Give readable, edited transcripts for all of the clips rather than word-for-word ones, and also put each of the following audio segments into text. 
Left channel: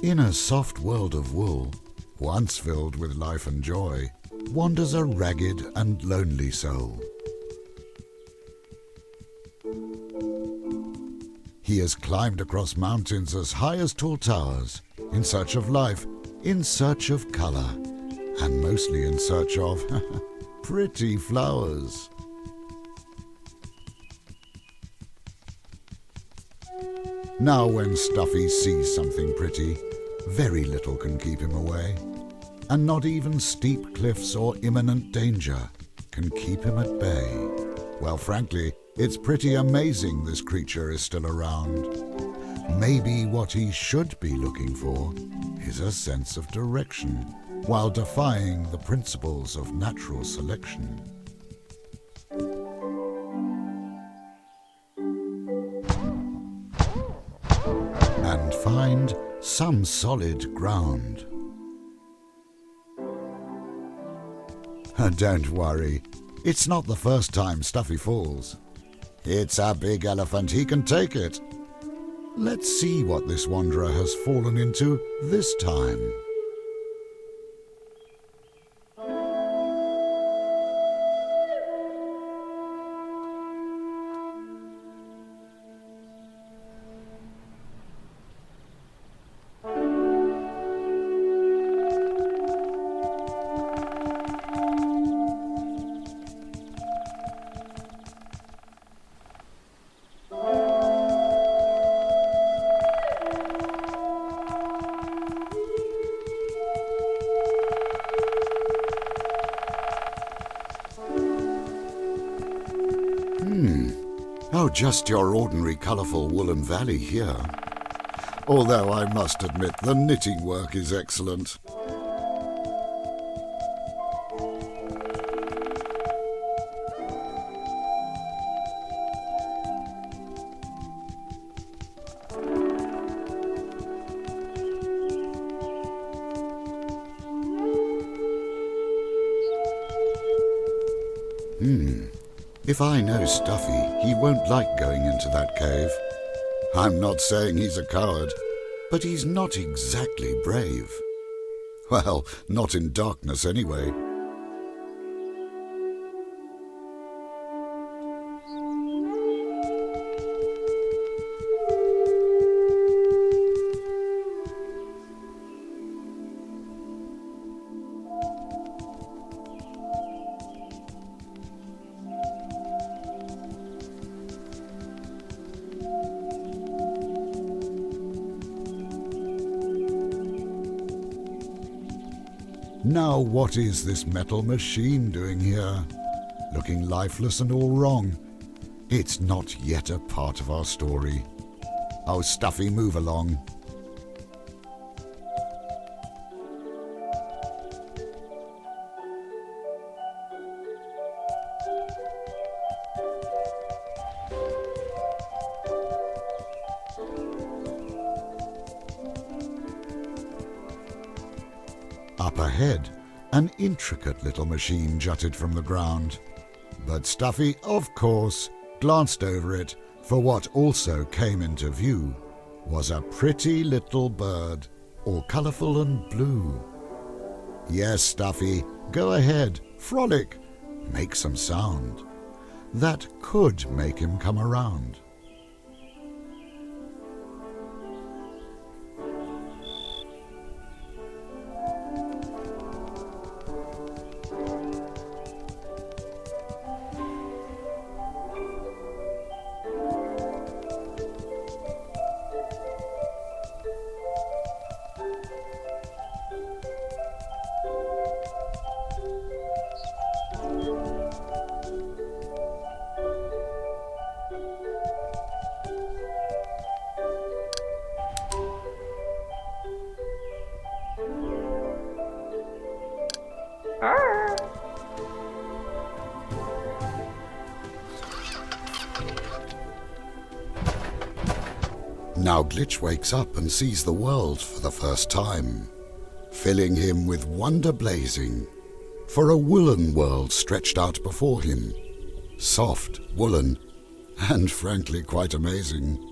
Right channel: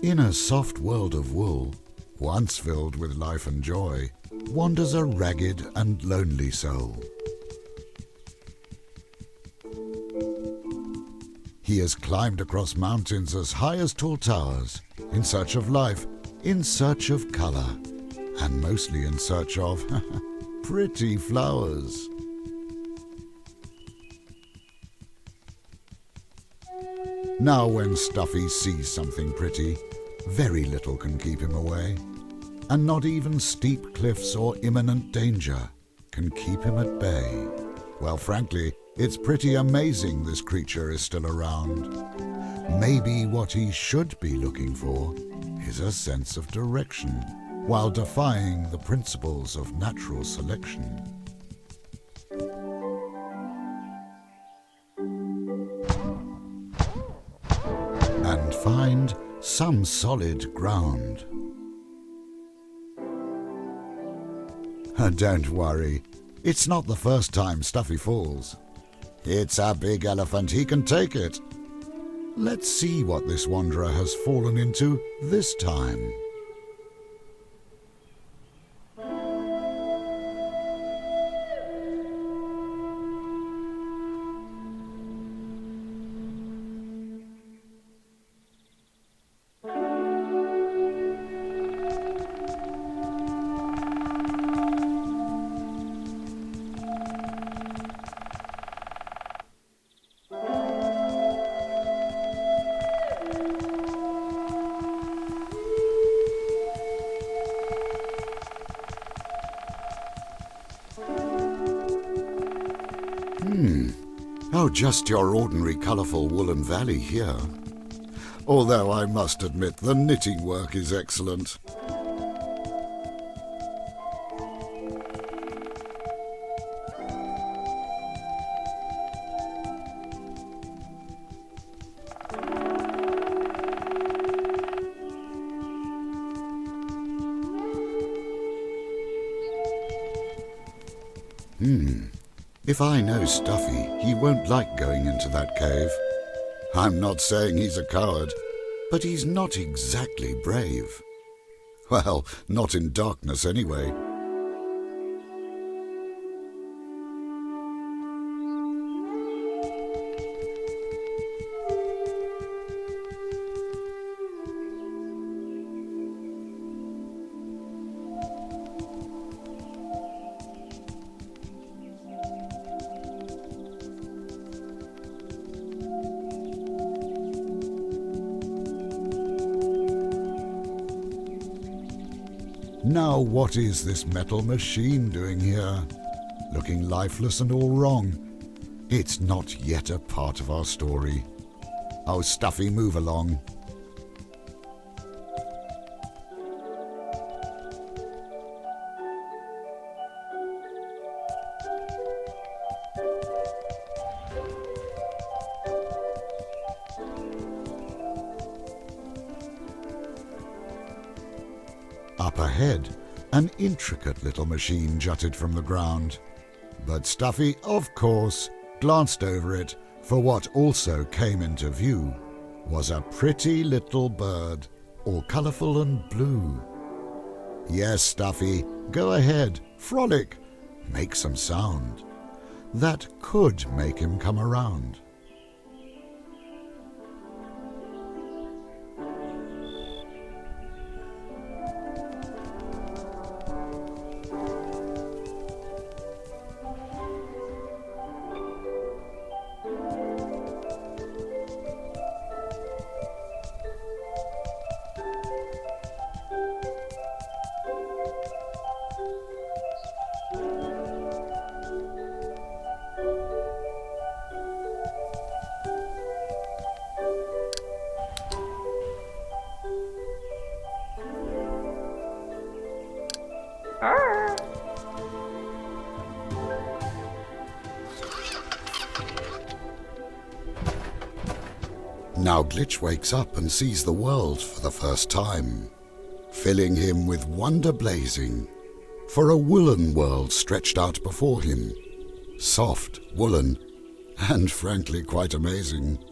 In a soft world of wool, once filled with life and joy, wanders a ragged and lonely soul. He has climbed across mountains as high as tall towers, in search of life, in search of colour, and mostly in search of pretty flowers. Now when Stuffy sees something pretty, very little can keep him away, and not even steep cliffs or imminent danger can keep him at bay. Well, frankly, it's pretty amazing this creature is still around. Maybe what he should be looking for is a sense of direction, while defying the principles of natural selection. And find some solid ground. Don't worry, it's not the first time Stuffy falls. It's a big elephant, he can take it. Let's see what this wanderer has fallen into this time. Oh, just your ordinary colourful woolen valley here. Although I must admit the knitting work is excellent. If I know Stuffy, he won't like going into that cave. I'm not saying he's a coward, but he's not exactly brave. Well, not in darkness anyway. Now what is this metal machine doing here? Looking lifeless and all wrong. It's not yet a part of our story. Oh, Stuffy, move along. Up ahead, an intricate little machine jutted from the ground. But Stuffy, of course, glanced over it, for what also came into view was a pretty little bird, all colourful and blue. Yes, Stuffy, go ahead, frolic, make some sound. That could make him come around. Now Glitch wakes up and sees the world for the first time, filling him with wonder blazing, for a woolen world stretched out before him, soft, woolen, and frankly quite amazing.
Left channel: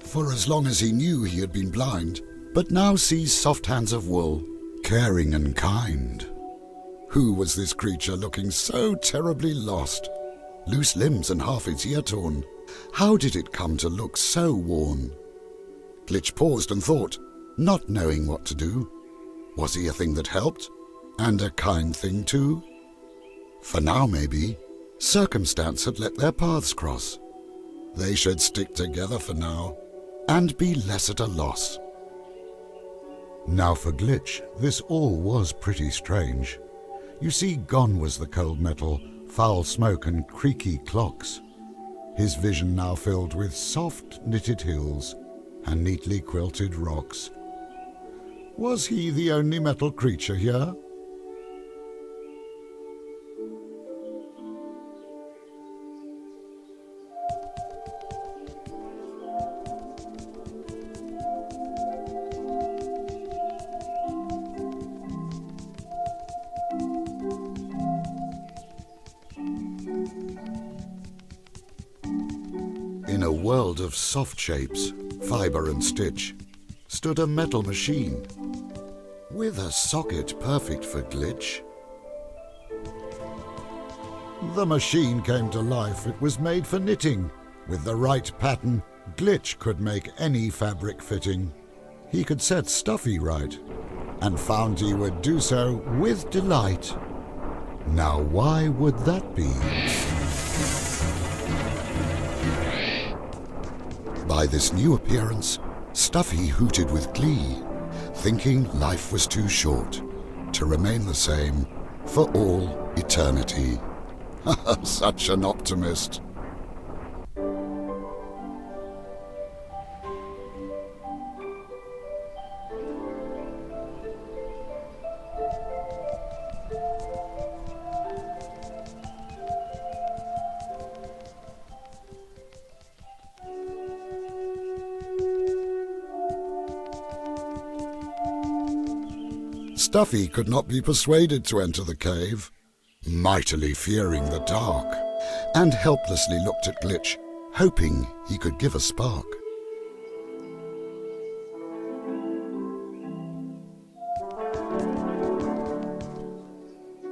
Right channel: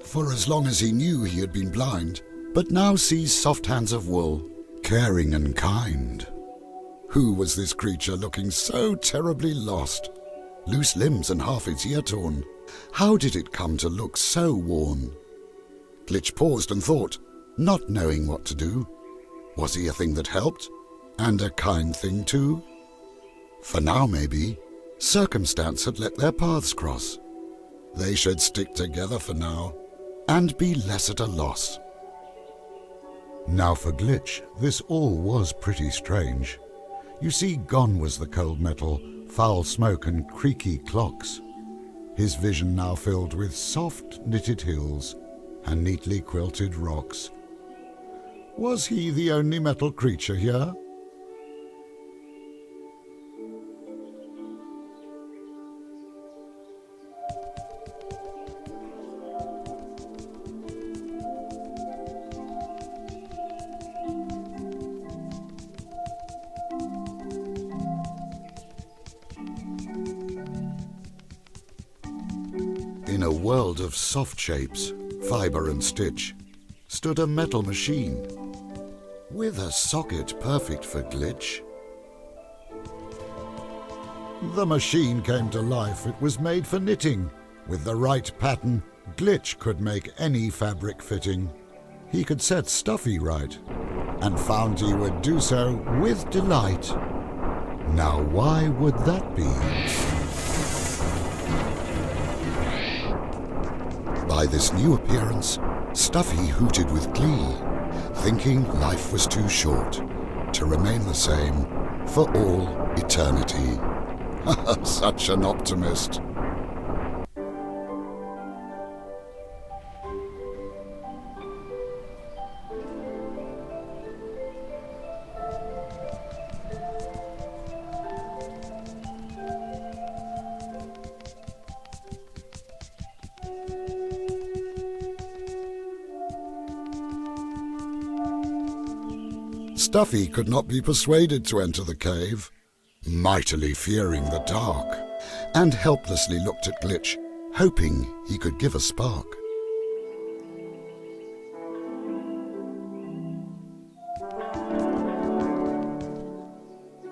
For as long as he knew he had been blind, but now sees soft hands of wool, caring and kind. Who was this creature looking so terribly lost? Loose limbs and half its ear torn. How did it come to look so worn? Glitch paused and thought, not knowing what to do. Was he a thing that helped? And a kind thing too? For now, maybe, circumstance had let their paths cross. They should stick together for now, and be less at a loss. Now for Glitch, this all was pretty strange. You see, gone was the cold metal, foul smoke and creaky clocks. His vision now filled with soft knitted hills and neatly quilted rocks. Was he the only metal creature here? In a world of soft shapes, fibre and stitch, stood a metal machine, with a socket perfect for Glitch. The machine came to life. It was made for knitting. With the right pattern, Glitch could make any fabric fitting. He could set Stuffy right, and found he would do so with delight. Now why would that be? By this new appearance, Stuffy hooted with glee, thinking life was too short to remain the same for all eternity. Such an optimist. Stuffy could not be persuaded to enter the cave, mightily fearing the dark, and helplessly looked at Glitch, hoping he could give a spark.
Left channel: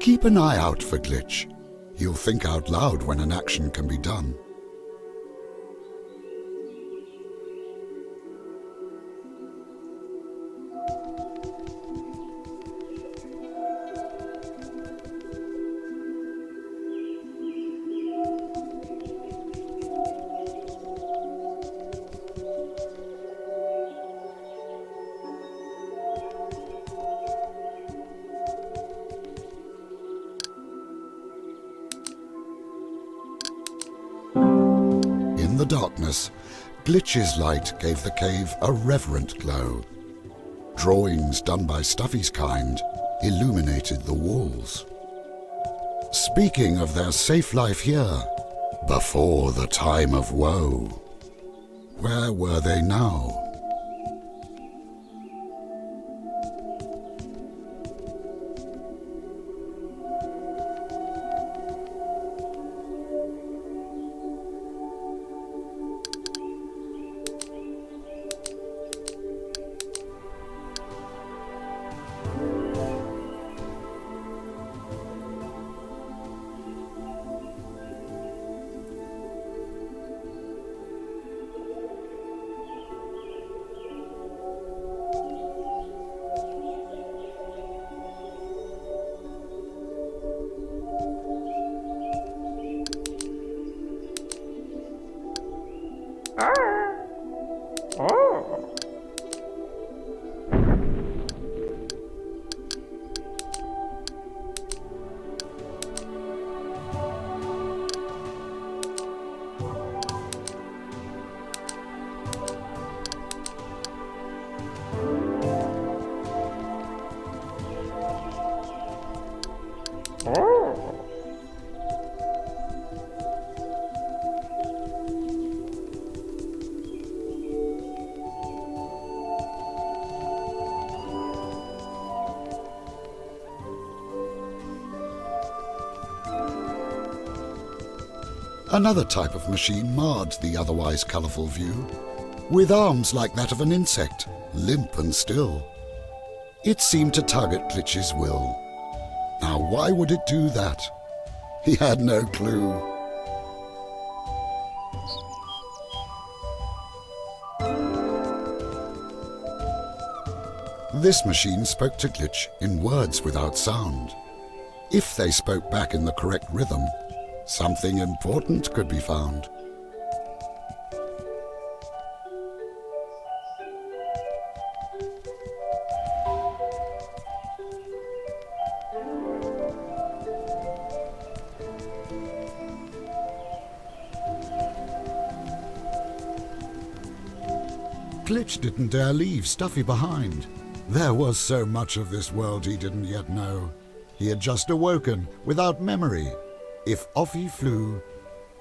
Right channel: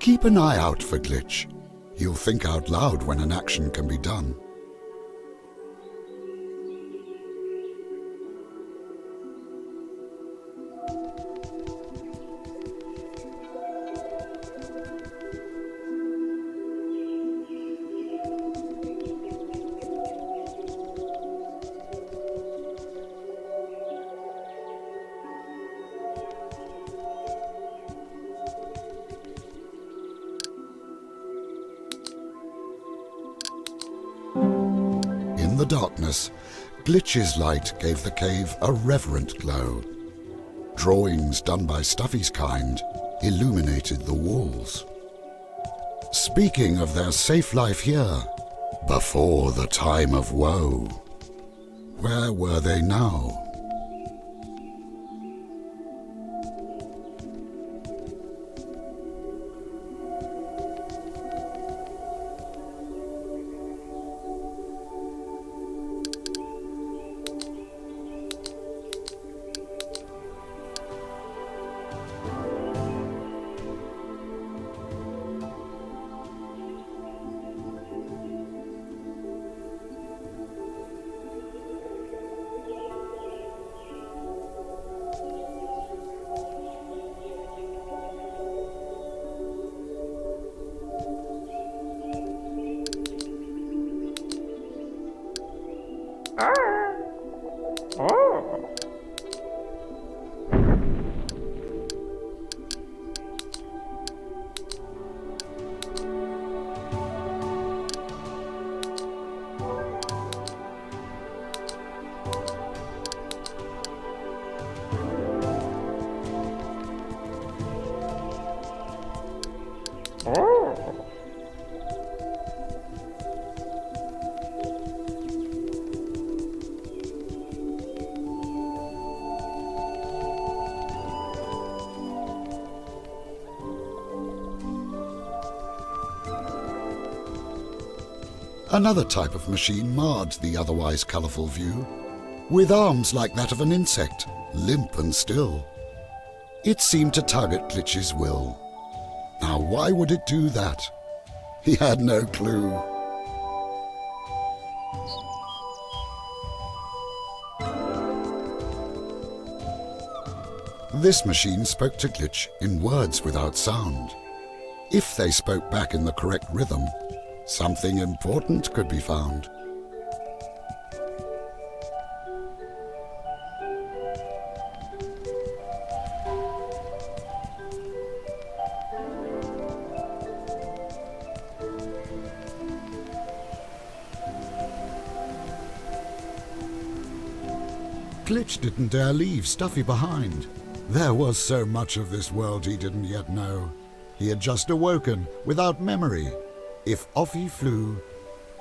Keep an eye out for Glitch. He'll think out loud when an action can be done. In the darkness, Glitch's light gave the cave a reverent glow. Drawings done by Stuffy's kind illuminated the walls. Speaking of their safe life here, before the time of woe, where were they now? Another type of machine marred the otherwise colourful view, with arms like that of an insect, limp and still. It seemed to tug at Glitch's will. Now why would it do that? He had no clue. This machine spoke to Glitch in words without sound. If they spoke back in the correct rhythm, something important could be found. Glitch didn't dare leave Stuffy behind. There was so much of this world he didn't yet know. He had just awoken without memory. If off he flew,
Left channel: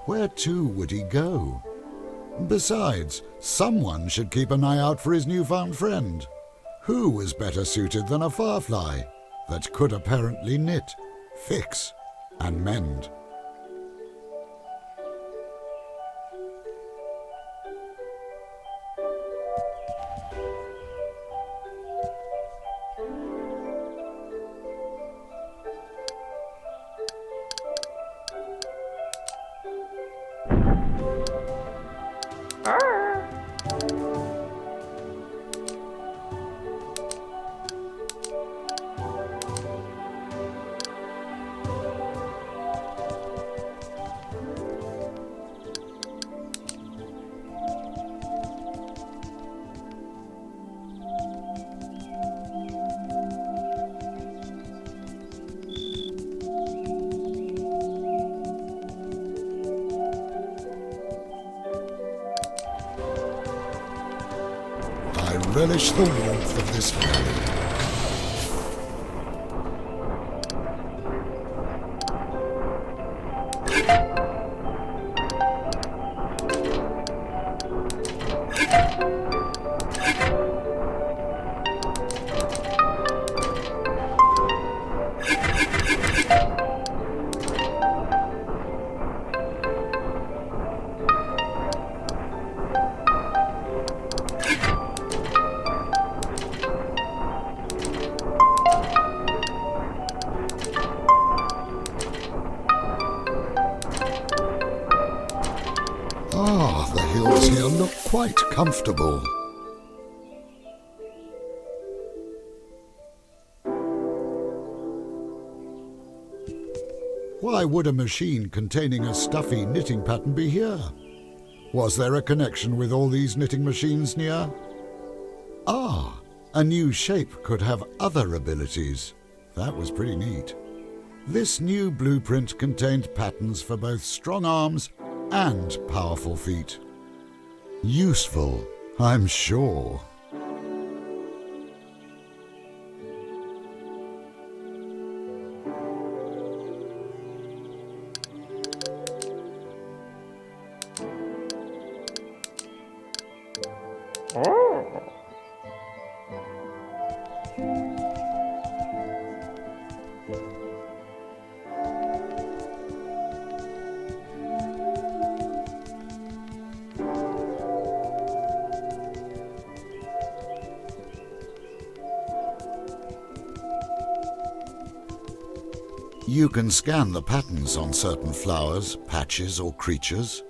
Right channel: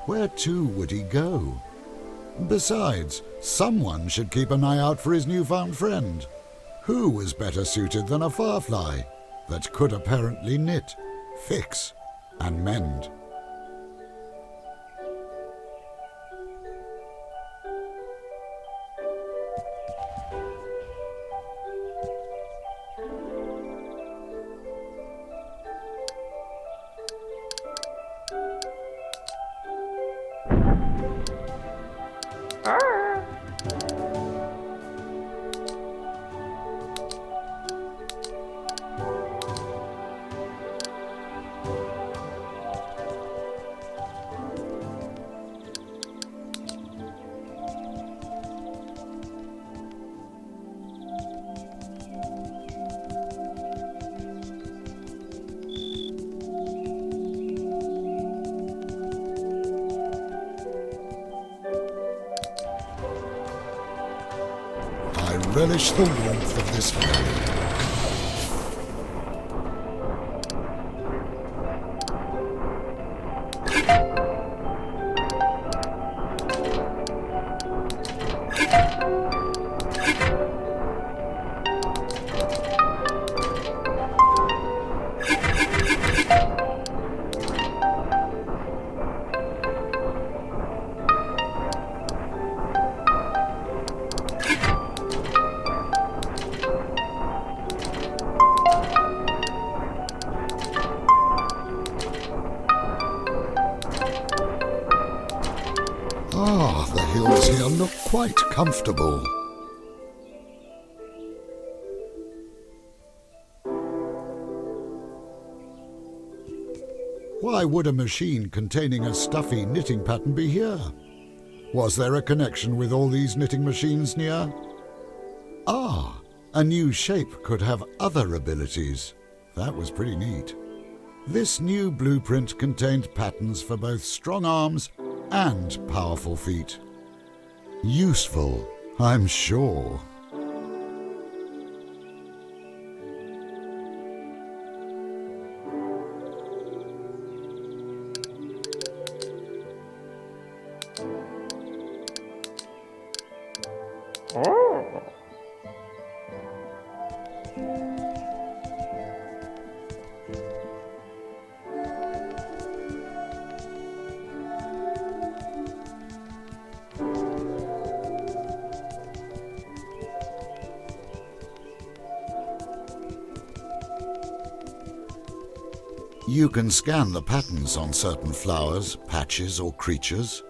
where to would he go? Besides, someone should keep an eye out for his newfound friend. Who was better suited than a firefly that could apparently knit, fix, and mend? I relish the warmth of this valley. The hills here look quite comfortable. Why would a machine containing a stuffy knitting pattern be here? Was there a connection with all these knitting machines near? Ah, a new shape could have other abilities. That was pretty neat. This new blueprint contained patterns for both strong arms and powerful feet. Useful, I'm sure. You can scan the patterns on certain flowers, patches or creatures.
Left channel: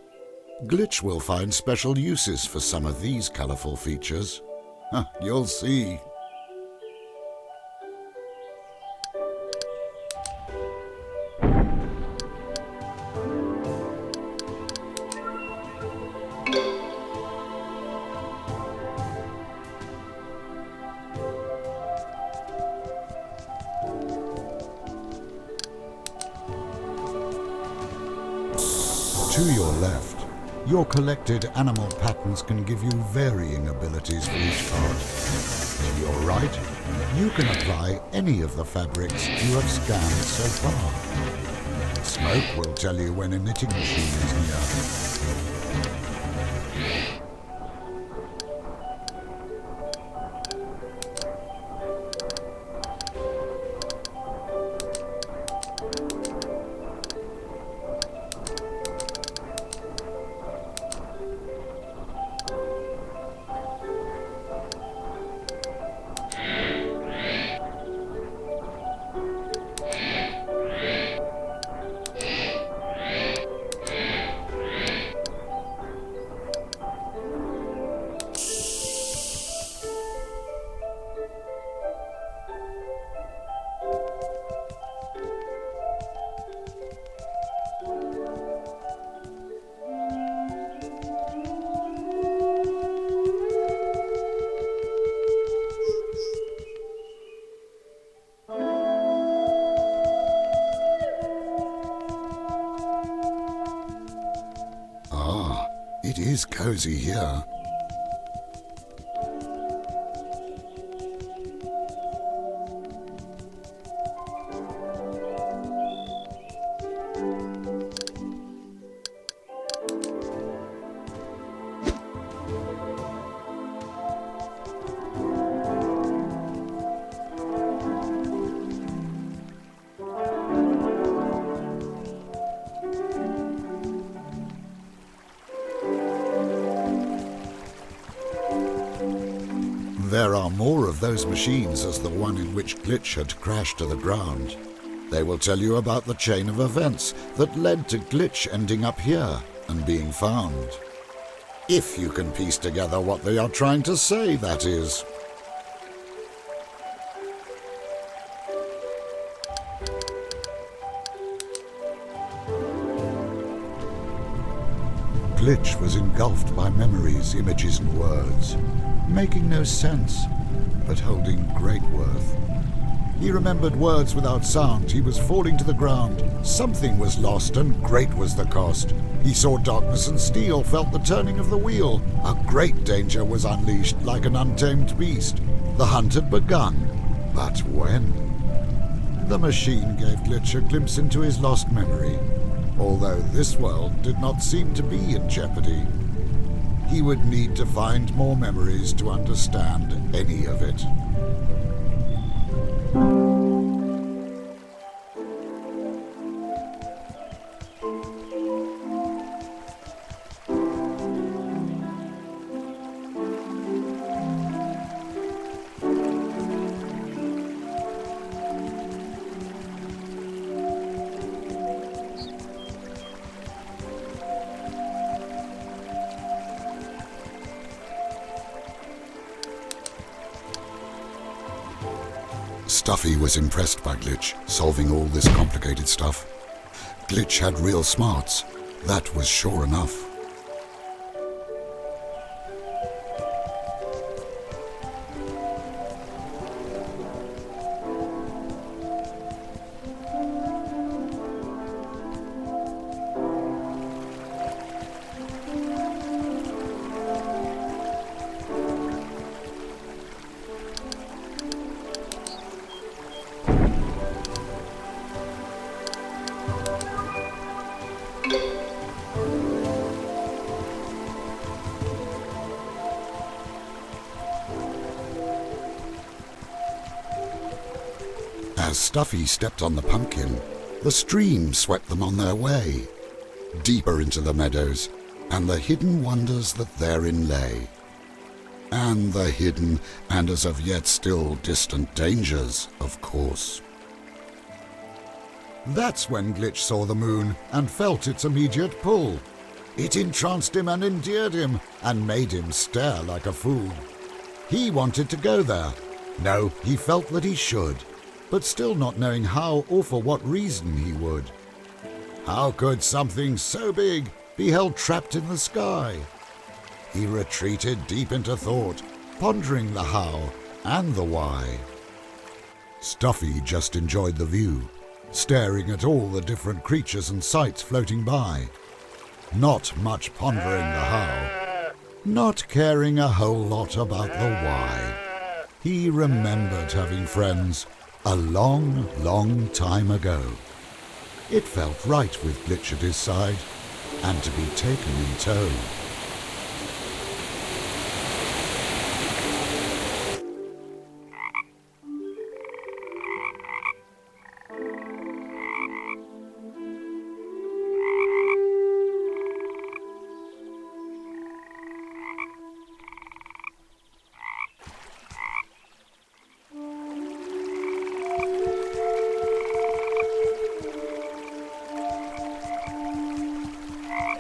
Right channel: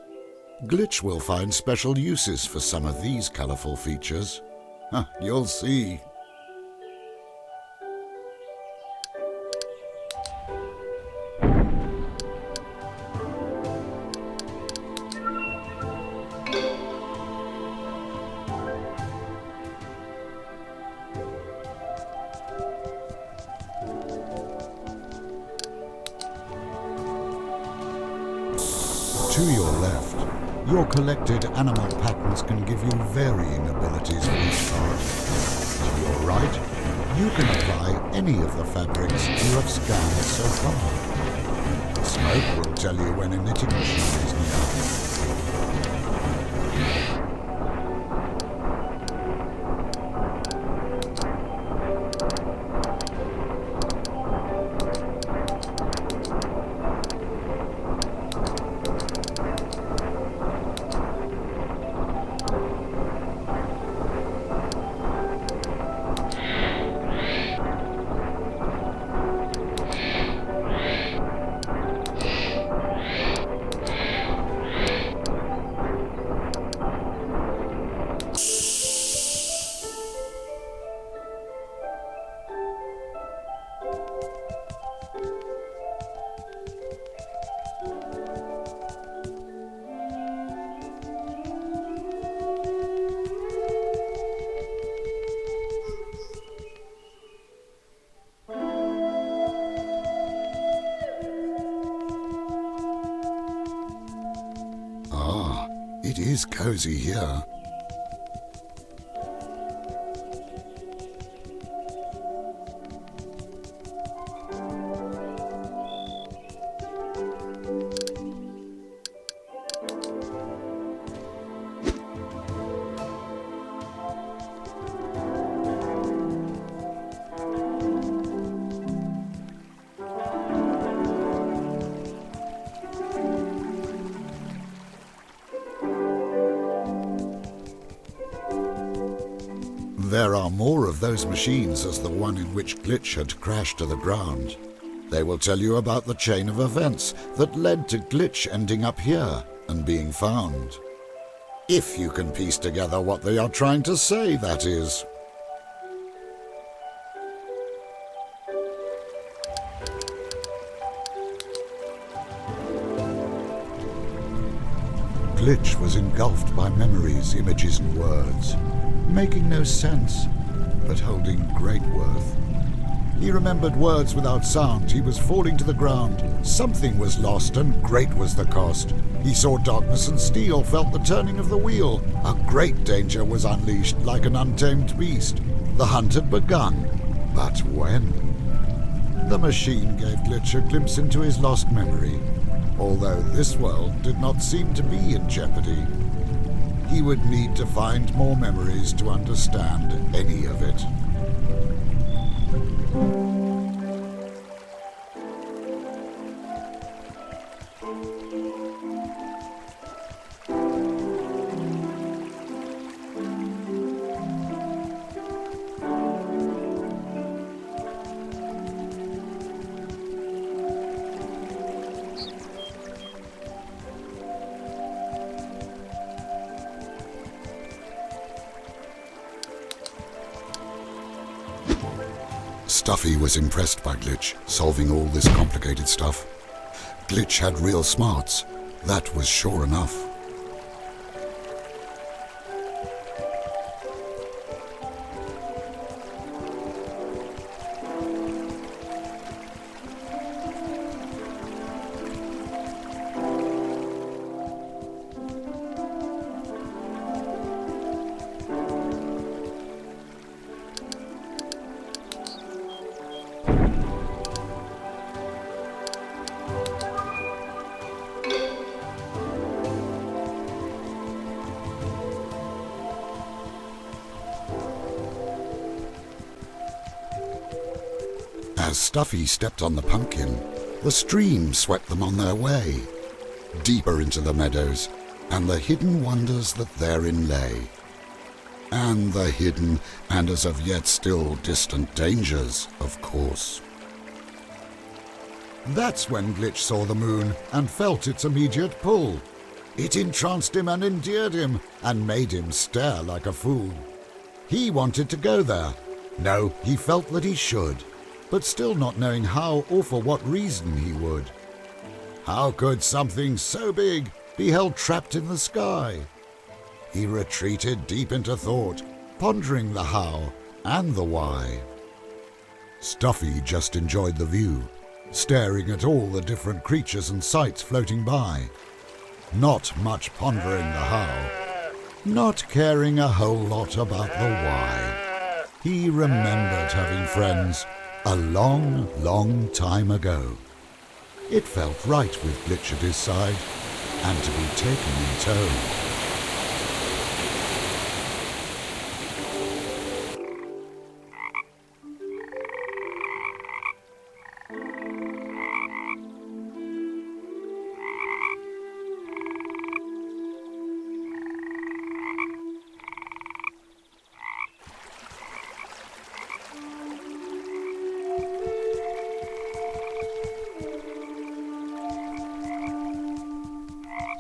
Glitch will find special uses for some of these colourful features. You'll see. To your left, your collected animal patterns can give you varying abilities for each part. To your right, you can apply any of the fabrics you have scanned so far. Smoke will tell you when a knitting machine is near. It is cozy here. There are more of those machines as the one in which Glitch had crashed to the ground. They will tell you about the chain of events that led to Glitch ending up here and being found. If you can piece together what they are trying to say, that is. Glitch was engulfed by memories, images and words, making no sense, but holding great worth. He remembered words without sound. He was falling to the ground. Something was lost, and great was the cost. He saw darkness and steel, felt the turning of the wheel. A great danger was unleashed like an untamed beast. The hunt had begun, but when? The machine gave Glitch a glimpse into his lost memory, although this world did not seem to be in jeopardy. He would need to find more memories to understand any of it. Stuffy was impressed by Glitch, solving all this complicated stuff. Glitch had real smarts, that was sure enough. As Stuffy stepped on the pumpkin, the stream swept them on their way, deeper into the meadows, and the hidden wonders that therein lay. And the hidden and as of yet still distant dangers, of course. That's when Glitch saw the moon and felt its immediate pull. It entranced him and endeared him, and made him stare like a fool. He wanted to go there. No, he felt that he should, but still not knowing how or for what reason he would. How could something so big be held trapped in the sky? He retreated deep into thought, pondering the how and the why. Stuffy just enjoyed the view, staring at all the different creatures and sights floating by. not much pondering the how, not caring a whole lot about the why. He remembered having friends a long, long time ago. It felt right with Glitch at his side, and to be taken in tow.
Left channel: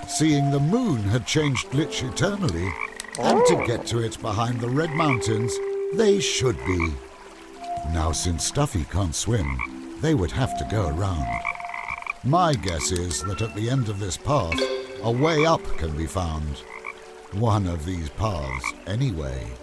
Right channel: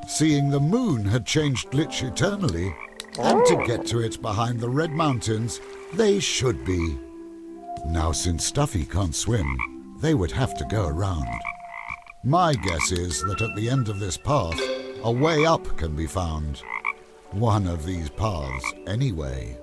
Seeing the moon had changed Glitch eternally, and to get to it behind the Red Mountains, they should be. Now, since Stuffy can't swim, they would have to go around. My guess is that at the end of this path, a way up can be found. One of these paths, anyway.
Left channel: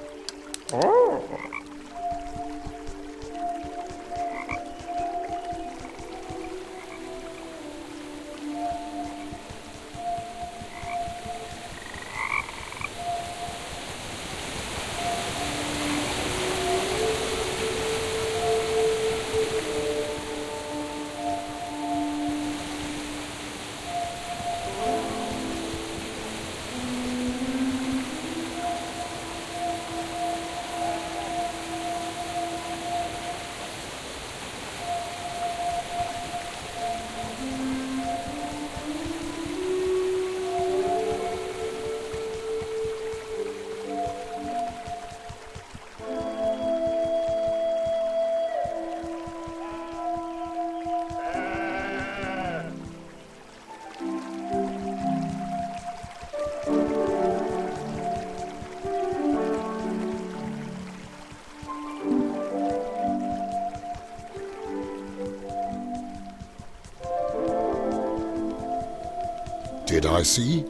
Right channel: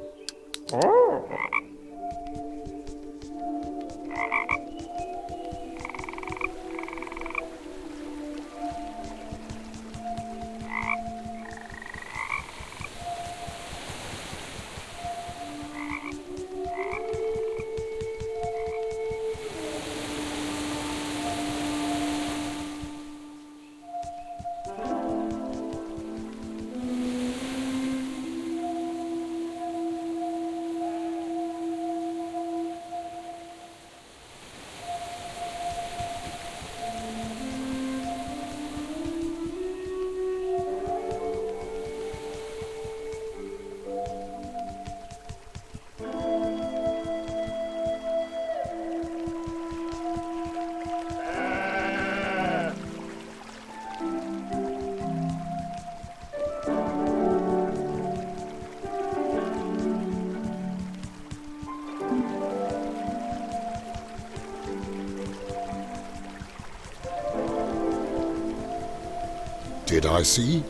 Did I see?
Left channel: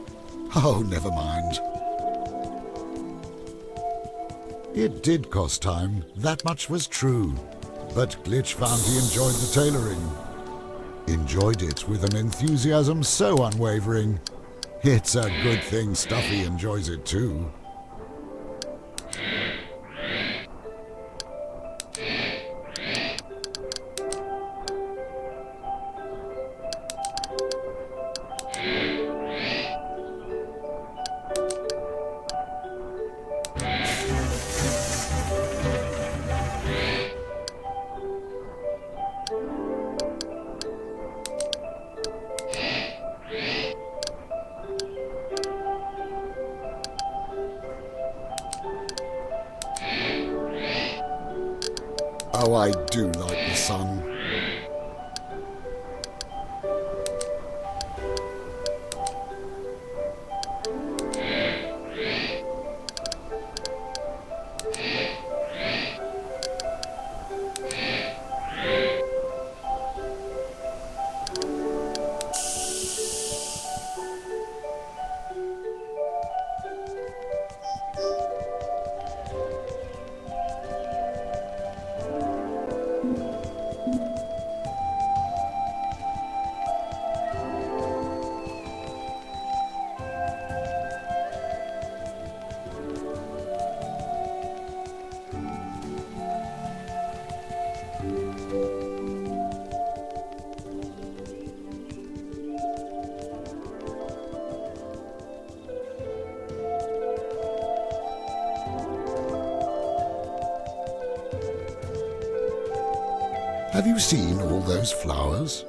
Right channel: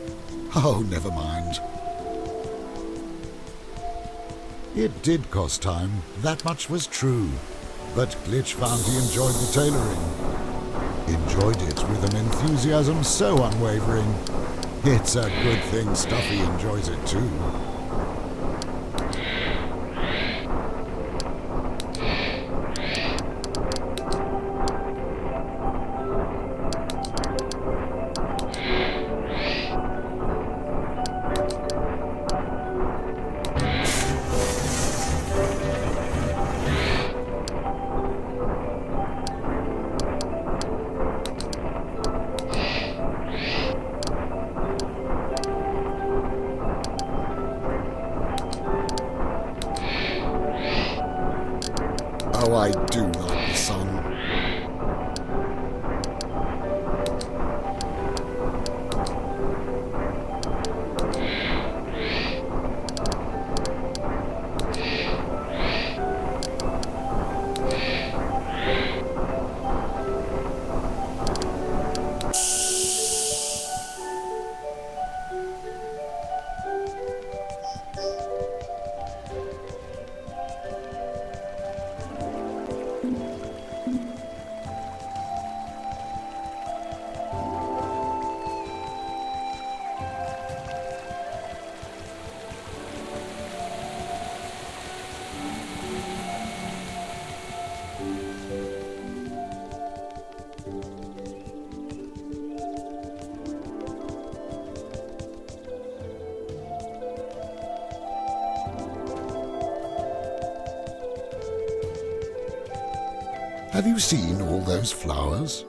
Oh, never mind. It did cost time, that much was true. But Glitch found he enjoyed the tailoring. Enjoyed it with an enthusiasm so unwavering. It's a good thing Stuffy enjoys it too. Oh, I do like the sun. Have you seen all those flowers?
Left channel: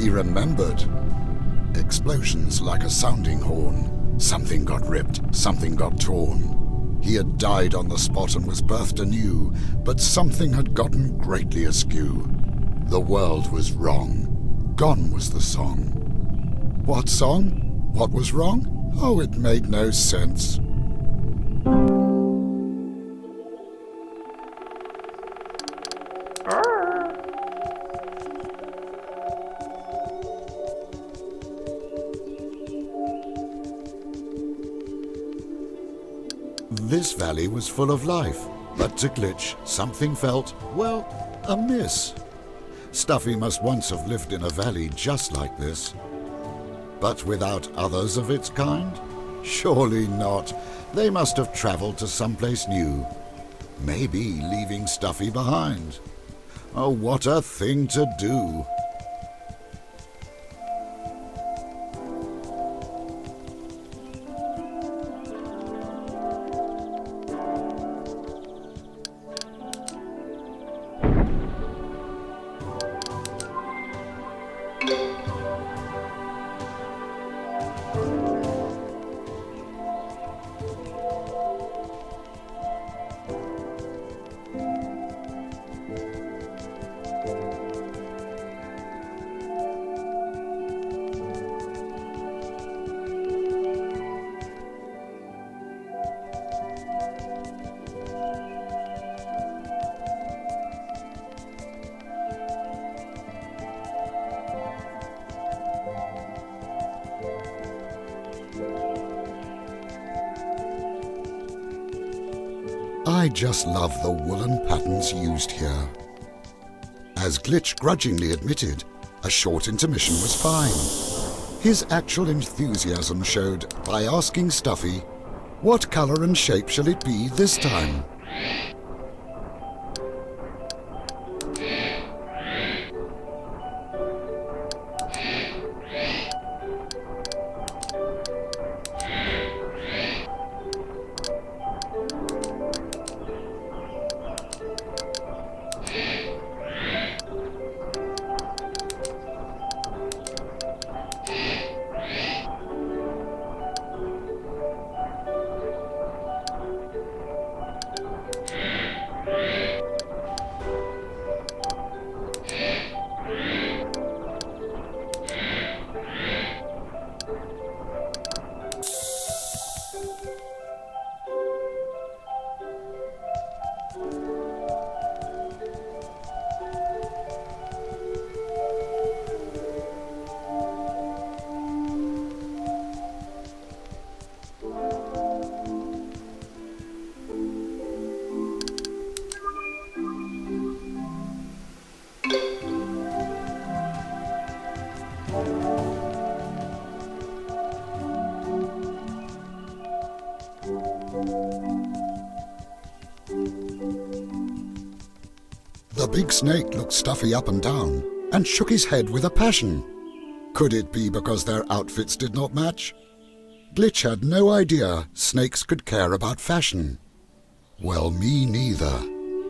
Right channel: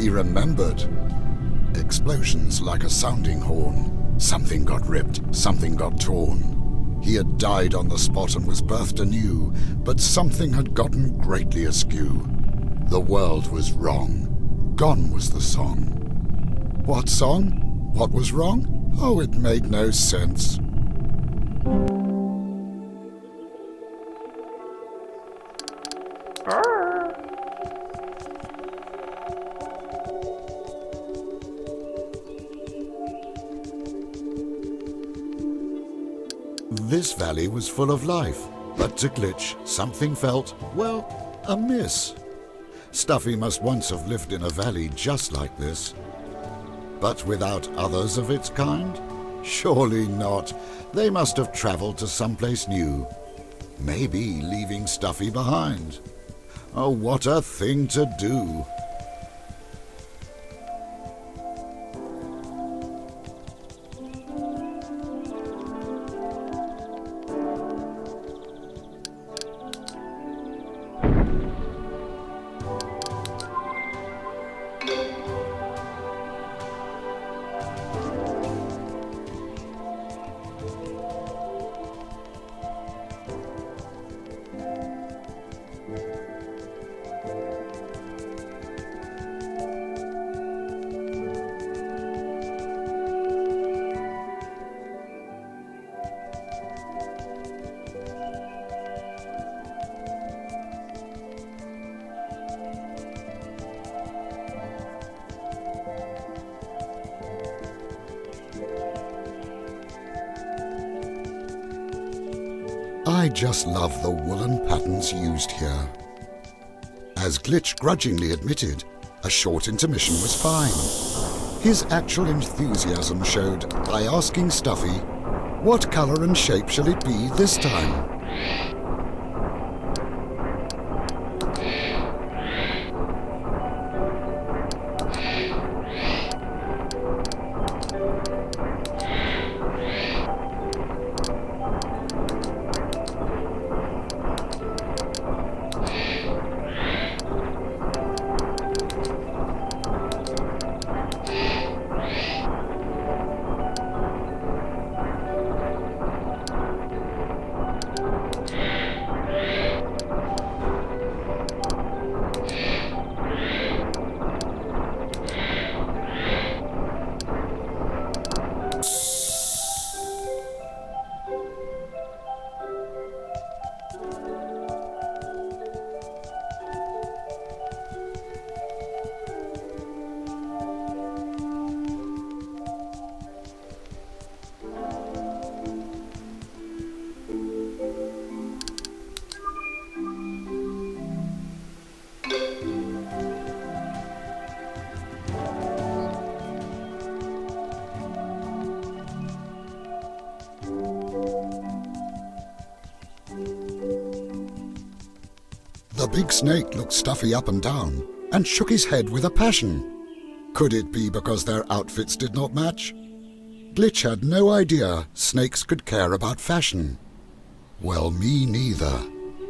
He remembered. Explosions like a sounding horn. Something got ripped, something got torn. He had died on the spot and was birthed anew, but something had gotten greatly askew. The world was wrong. Gone was the song. What song? What was wrong? Oh, it made no sense. This valley was full of life, but to Glitch something felt, well, amiss. Stuffy must once have lived in a valley just like this. But without others of its kind? Surely not. They must have travelled to someplace new. Maybe leaving Stuffy behind. Oh, what a thing to do! I just love the woolen patterns used here. As Glitch grudgingly admitted, a short intermission was fine. His actual enthusiasm showed by asking Stuffy, "What colour and shape shall it be this time?" The big snake looked Stuffy up and down and shook his head with a passion. Could it be because their outfits did not match? Glitch had no idea snakes could care about fashion. Well, me neither,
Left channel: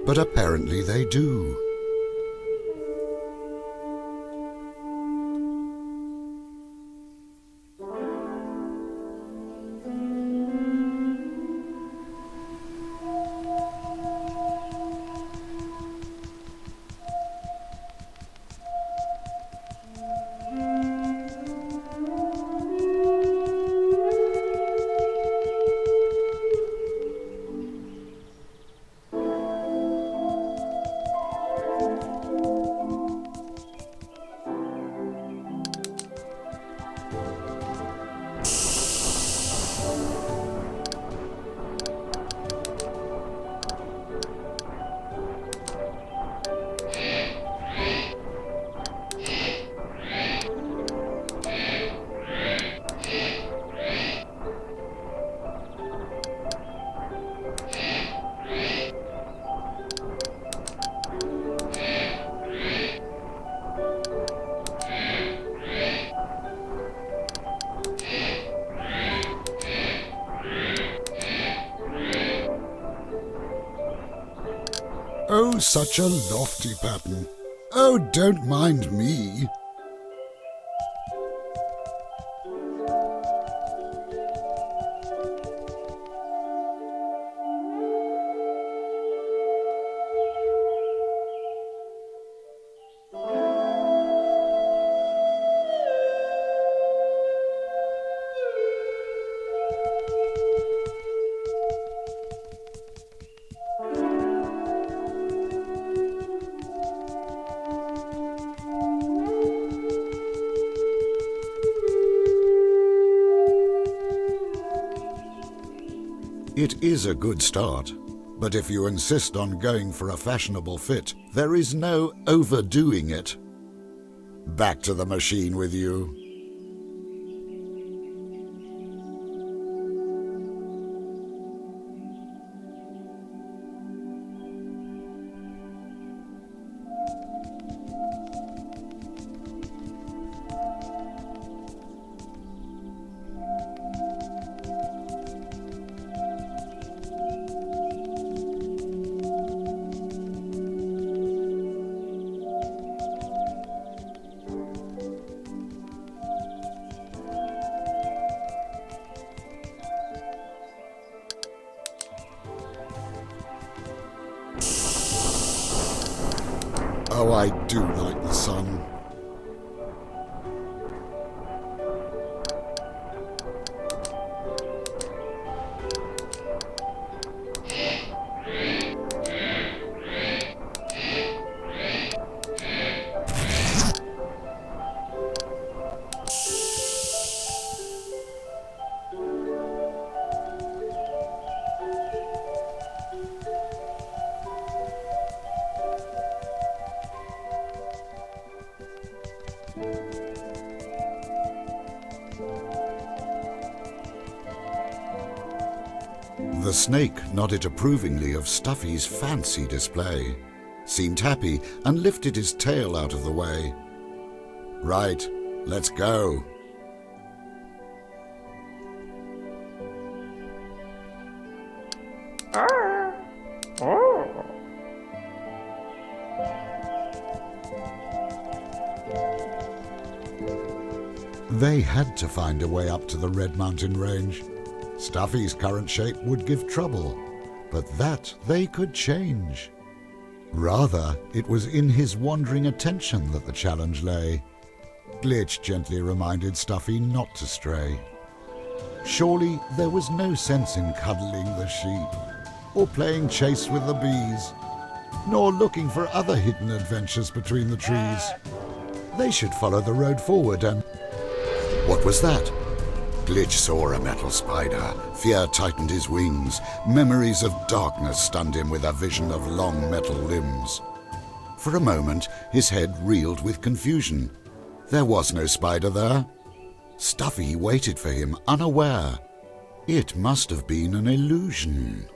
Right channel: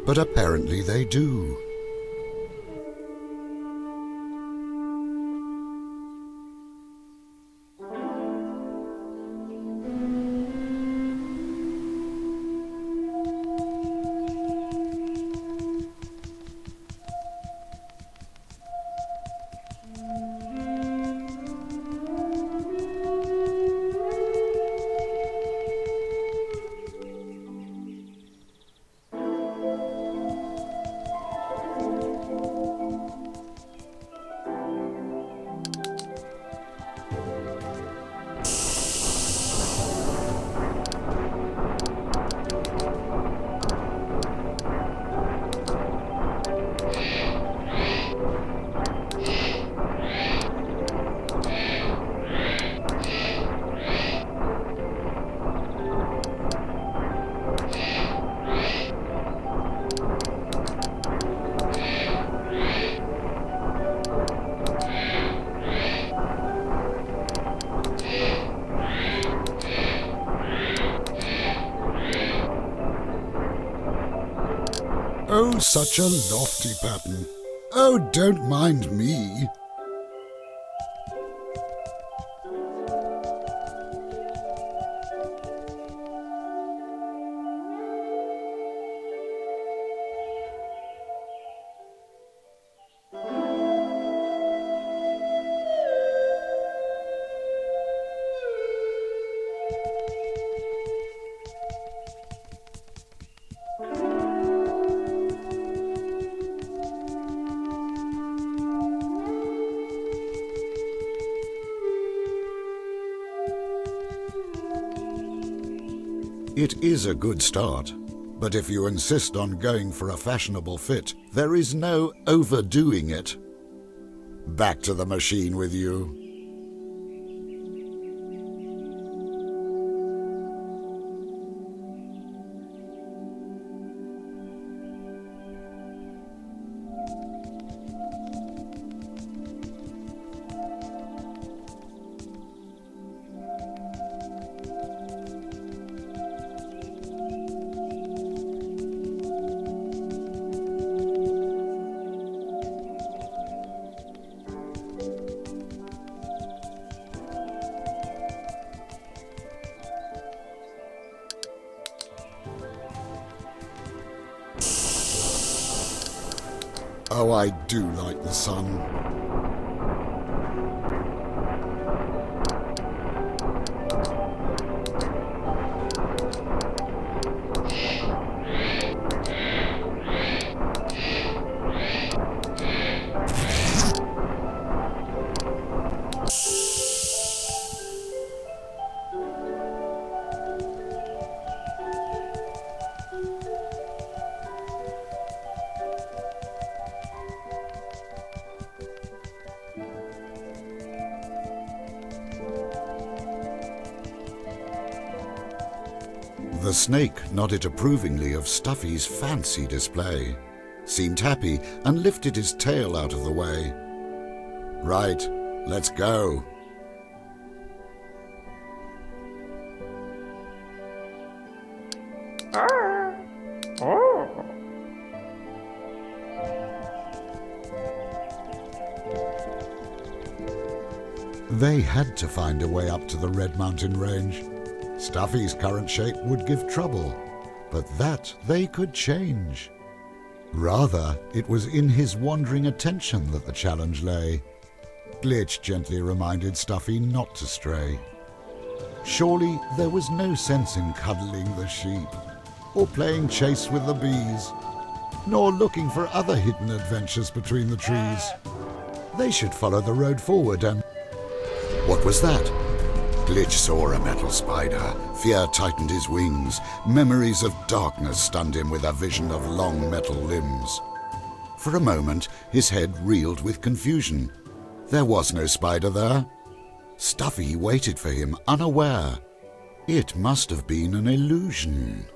but apparently they do. Oh, such a lofty pattern. Oh, don't mind me. It is a good start, but if you insist on going for a fashionable fit, there is no overdoing it. Back to the machine with you. Oh, I do like the sun. The snake nodded approvingly of Stuffy's fancy display, seemed happy, and lifted his tail out of the way. Right, let's go. They had to find a way up to the Red Mountain Range. Stuffy's current shape would give trouble, but that they could change. Rather, it was in his wandering attention that the challenge lay. Glitch gently reminded Stuffy not to stray. Surely there was no sense in cuddling the sheep, or playing chase with the bees, nor looking for other hidden adventures between the trees. They should follow the road forward and... What was that? Glitch saw a metal spider. Fear tightened his wings. Memories of darkness stunned him with a vision of long metal limbs. For a moment, his head reeled with confusion. There was no spider there. Stuffy waited for him, unaware. It must have been an illusion.